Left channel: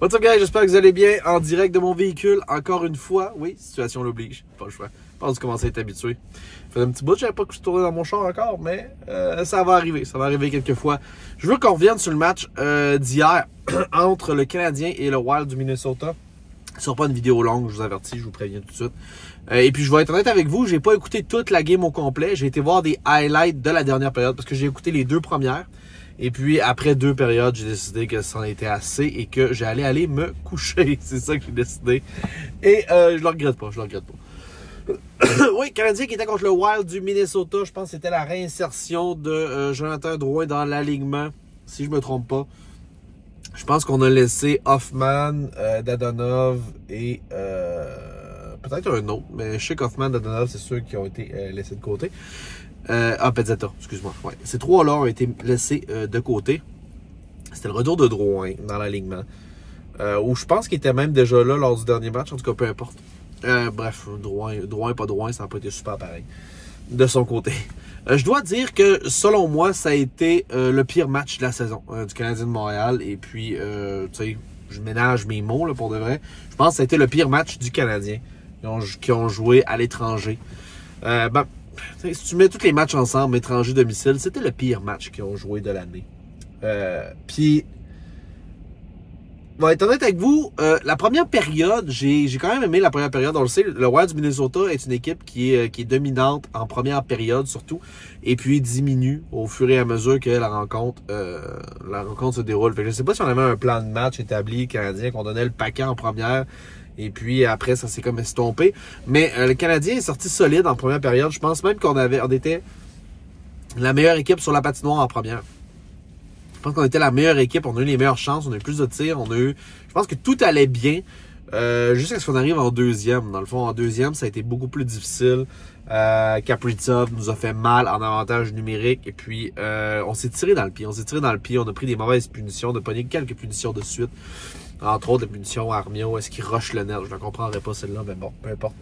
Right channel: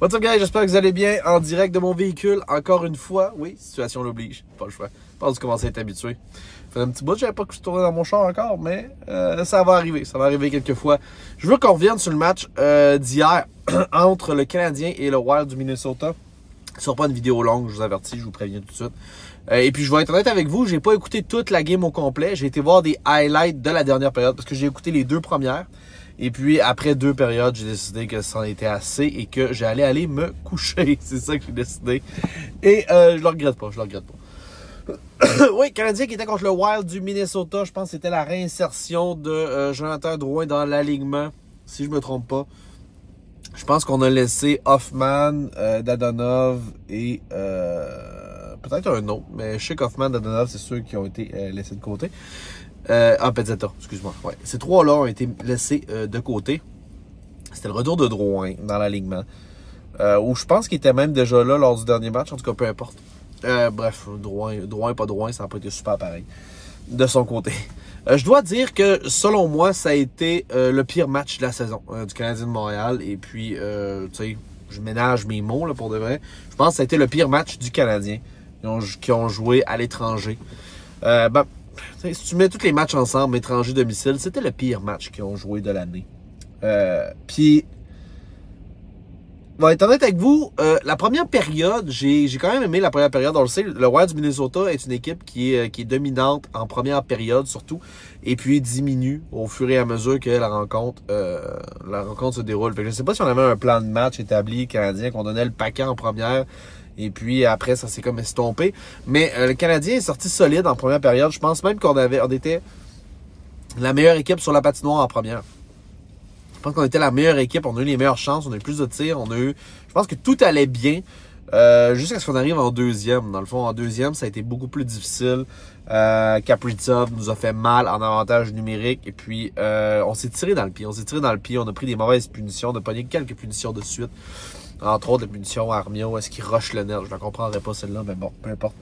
What's up guys, j'espère que vous allez bien en direct de mon véhicule, encore une fois. Oui, situation l'oblige, pas le choix. Je pense que vous commencez à être habitué. Ça fait un petit bout, j'avais pas que je tournais dans mon char encore, mais ça va arriver quelques fois. Je veux qu'on revienne sur le match d'hier entre le Canadien et le Wild du Minnesota. Ce sera pas une vidéo longue, je vous avertis, je vous préviens tout de suite. Et puis je vais être honnête avec vous, j'ai pas écouté toute la game au complet. J'ai été voir des highlights de la dernière période parce que j'ai écouté les deux premières. Et puis, après 2 périodes, j'ai décidé que ça en était assez et que j'allais aller me coucher. C'est ça que j'ai décidé. Et je le regrette pas, Oui, Canadien qui était contre le Wild du Minnesota. Je pense que c'était la réinsertion de Jonathan Drouin dans l'alignement, si je me trompe pas. Je pense qu'on a laissé Hoffman, Dadonov et peut-être un autre. Mais je sais qu'Hoffman, Dadonov, c'est ceux qui ont été laissés de côté. Pezzetta, excuse-moi. Ouais. Ces trois-là ont été laissés de côté. C'était le retour de Drouin dans l'alignement. Où je pense qu'il était même déjà là lors du dernier match. En tout cas, peu importe. Bref, Drouin, pas Drouin, ça n'a pas été super pareil. De son côté. Je dois dire que, selon moi, ça a été le pire match de la saison du Canadien de Montréal. Et puis, tu sais, je ménage mes mots là, pour de vrai. Je pense que ça a été le pire match du Canadien qui ont joué à l'étranger. Si tu mets tous les matchs ensemble, étranger-domicile, c'était le pire match qu'ils ont joué de l'année. Puis, être honnête avec vous, la première période, j'ai quand même aimé la première période. On le sait, le Wild du Minnesota est une équipe qui est dominante en première période surtout, et puis diminue au fur et à mesure que la rencontre se déroule. Fait que je ne sais pas si on avait un plan de match établi canadien, qu'on donnait le paquet en première. Et puis après, ça s'est comme estompé. Mais le Canadien est sorti solide en première période. Je pense même qu'on était la meilleure équipe sur la patinoire en première. Je pense qu'on était la meilleure équipe. On a eu les meilleures chances. On a eu plus de tirs. Je pense que tout allait bien. Jusqu'à ce qu'on arrive en deuxième. Dans le fond, en deuxième, ça a été beaucoup plus difficile. Kaprizov nous a fait mal en avantage numérique. Et puis, on s'est tiré dans le pied. On a pris des mauvaises punitions. On a pogné quelques punitions de suite. Entre autres, la punition à Armia, est-ce qu'il rush le net? Je ne comprendrais pas celle-là, mais bon, peu importe.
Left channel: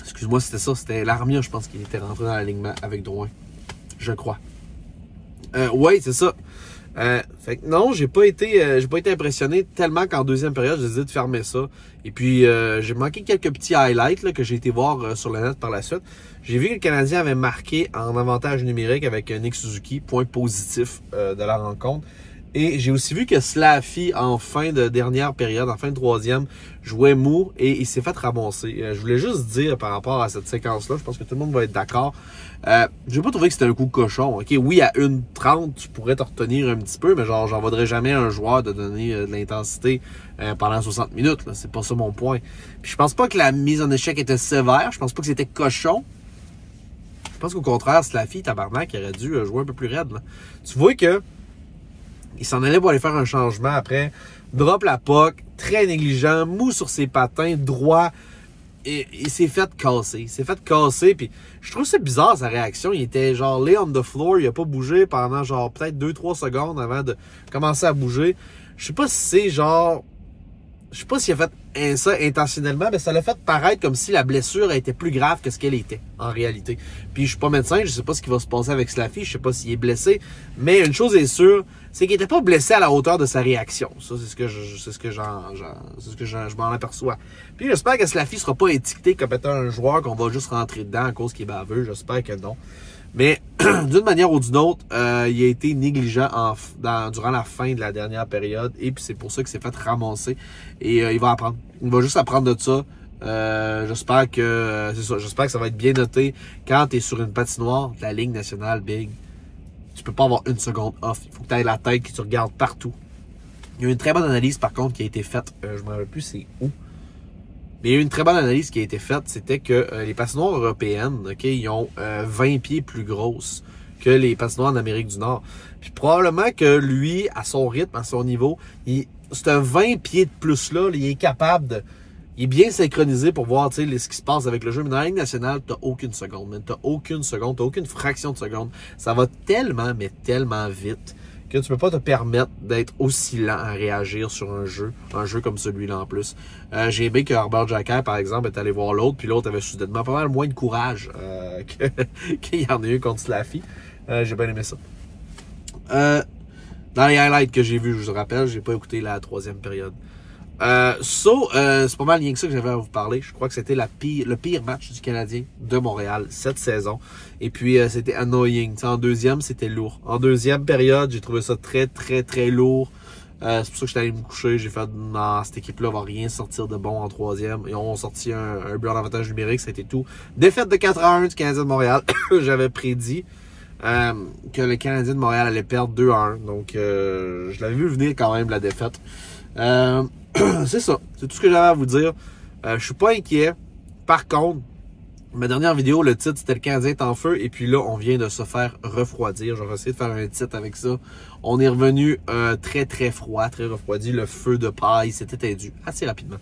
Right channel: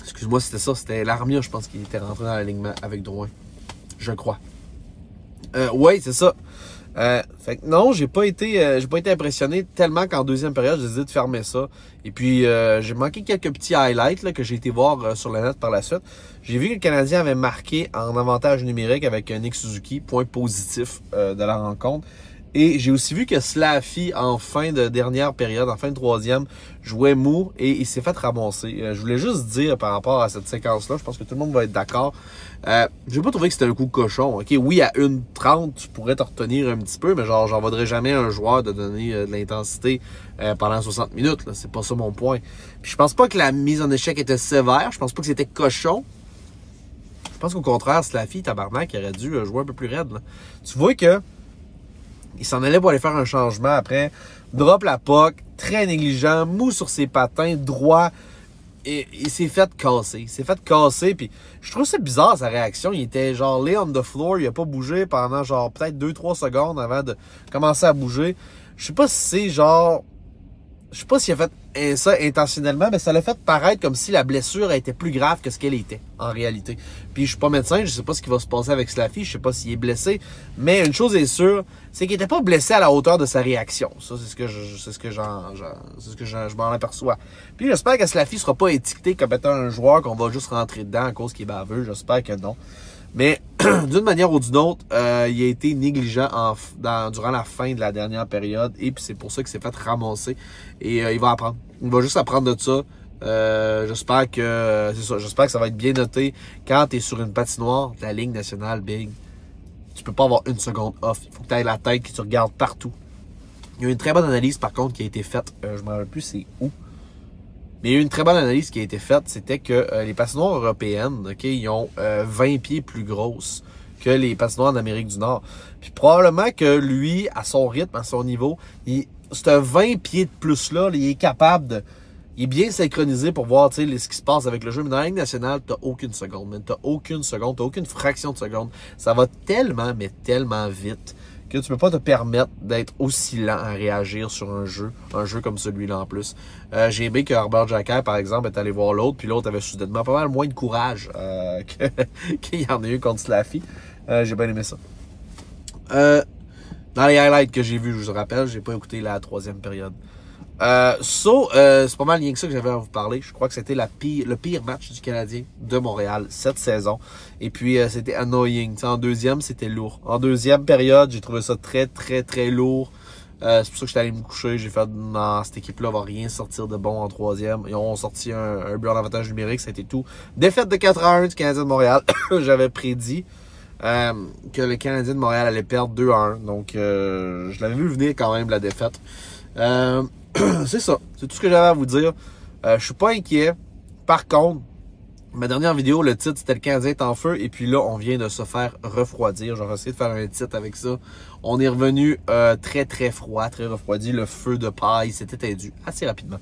Excuse-moi, c'était ça. C'était l'Armia, je pense qu'il était rentré dans l'alignement avec Drouin. Je crois. Oui, c'est ça. Fait que non, j'ai pas été impressionné tellement qu'en deuxième période, j'ai décidé de fermer ça. Et puis, j'ai manqué quelques petits highlights là, que j'ai été voir sur le net par la suite. J'ai vu que le Canadien avait marqué en avantage numérique avec Nick Suzuki, point positif de la rencontre. Et j'ai aussi vu que Slaffy, en fin de dernière période, en fin de troisième, jouait mou et il s'est fait ramasser. Je voulais juste dire par rapport à cette séquence-là, je pense que tout le monde va être d'accord. J'ai pas trouvé que c'était un coup cochon. Okay? Oui, à 1:30, tu pourrais te retenir un petit peu, mais genre, j'en voudrais jamais un joueur de donner de l'intensité pendant 60 minutes. C'est pas ça mon point. Puis je pense pas que la mise en échec était sévère. Je pense pas que c'était cochon. Je pense qu'au contraire, Slaffy, tabarnak, il aurait dû jouer un peu plus raide. Là. Tu vois que il s'en allait pour aller faire un changement après. Drop la puck, très négligent, mou sur ses patins, droit. Et il s'est fait casser. Puis je trouve c'est bizarre sa réaction. Il était genre lay on the floor. Il a pas bougé pendant genre peut-être 2-3 secondes avant de commencer à bouger. Je sais pas si c'est genre... Je sais pas s'il a fait ça intentionnellement, mais ça l'a fait paraître comme si la blessure était plus grave que ce qu'elle était, en réalité. Puis je suis pas médecin, je sais pas ce qui va se passer avec Slaffy, je sais pas s'il est blessé, mais une chose est sûre, c'est qu'il était pas blessé à la hauteur de sa réaction. Ça, c'est ce que je m'en aperçois. Puis j'espère que Slaffy sera pas étiqueté comme étant un joueur qu'on va juste rentrer dedans à cause qu'il est baveux, j'espère que non. Mais d'une manière ou d'une autre, il a été négligent durant la fin de la dernière période. Et puis c'est pour ça qu'il s'est fait ramasser. Et il va apprendre. Il va juste apprendre de ça. J'espère que ça va être bien noté. Quand tu es sur une patinoire de la Ligue nationale, Big, tu peux pas avoir une seconde off. Il faut que tu aies la tête, que tu regardes partout. Il y a une très bonne analyse par contre qui a été faite. Je ne me rappelle plus c'est où. Mais il y a eu une très bonne analyse qui a été faite, c'était que les patinoires européennes, okay, ils ont 20 pieds plus grosses que les patinoires en Amérique du Nord. Puis probablement que lui, à son rythme, à son niveau, ce 20 pieds de plus-là, il est capable de... Il est bien synchronisé pour voir ce qui se passe avec le jeu. Mais dans la Ligue nationale, t'as aucune seconde. T'as aucune fraction de seconde. Ça va tellement, mais tellement vite que tu peux pas te permettre d'être aussi lent à réagir sur un jeu comme celui-là en plus. J'ai aimé que Herbert Jacquet, par exemple, est allé voir l'autre, puis l'autre avait soudainement pas mal moins de courage qu'il y en a eu contre Slaffy. J'ai bien aimé ça. Dans les highlights que j'ai vus, je vous rappelle, j'ai pas écouté la troisième période. C'est pas mal rien que ça que j'avais à vous parler. Je crois que c'était le pire match du Canadien de Montréal cette saison. Et puis, c'était annoying. T'sais, en deuxième, c'était lourd. En deuxième période, j'ai trouvé ça très, très, très lourd. C'est pour ça que j'étais allé me coucher. J'ai fait, non, cette équipe-là va rien sortir de bon en troisième. Ils ont sorti un but en avantage numérique, ça a été tout. Défaite de 4-1 du Canadien de Montréal. J'avais prédit que le Canadien de Montréal allait perdre 2-1. Donc, je l'avais vu venir quand même, la défaite. C'est ça. C'est tout ce que j'avais à vous dire. Je suis pas inquiet. Par contre, ma dernière vidéo, le titre, c'était le Canadien est en feu. Et puis là, on vient de se faire refroidir. J'aurais essayé de faire un titre avec ça. On est revenu très, très froid, très refroidi. Le feu de paille s'est éteint assez rapidement.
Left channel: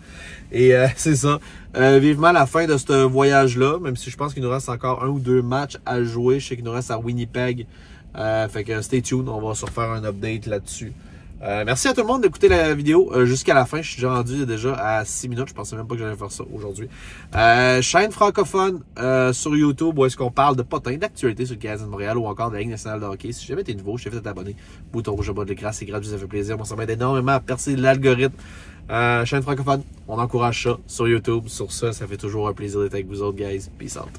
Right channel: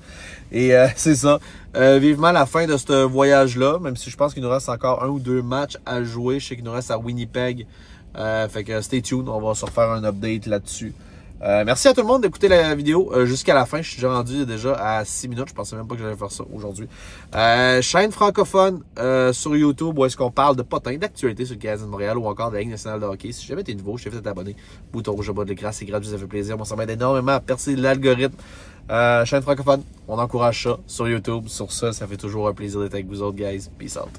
Et c'est ça. Vivement la fin de ce voyage-là, même si je pense qu'il nous reste encore 1 ou 2 matchs à jouer. Je sais qu'il nous reste à Winnipeg. Fait que stay tuned. On va se refaire un update là-dessus. Merci à tout le monde d'écouter la vidéo jusqu'à la fin. Je suis déjà rendu à 6 minutes. Je pensais même pas que j'allais faire ça aujourd'hui. Chaîne francophone sur YouTube où est-ce qu'on parle de potins, d'actualité sur le Canadien de Montréal ou encore de la Ligue nationale de hockey. Si jamais t'es nouveau, je t'ai fait t'abonner. Bouton rouge au bas de l'écran, c'est gratuit, ça fait plaisir. Moi, ça m'aide énormément à percer l'algorithme. Chaîne francophone, on encourage ça sur YouTube. Sur ça, ça fait toujours un plaisir d'être avec vous autres, guys. Peace out.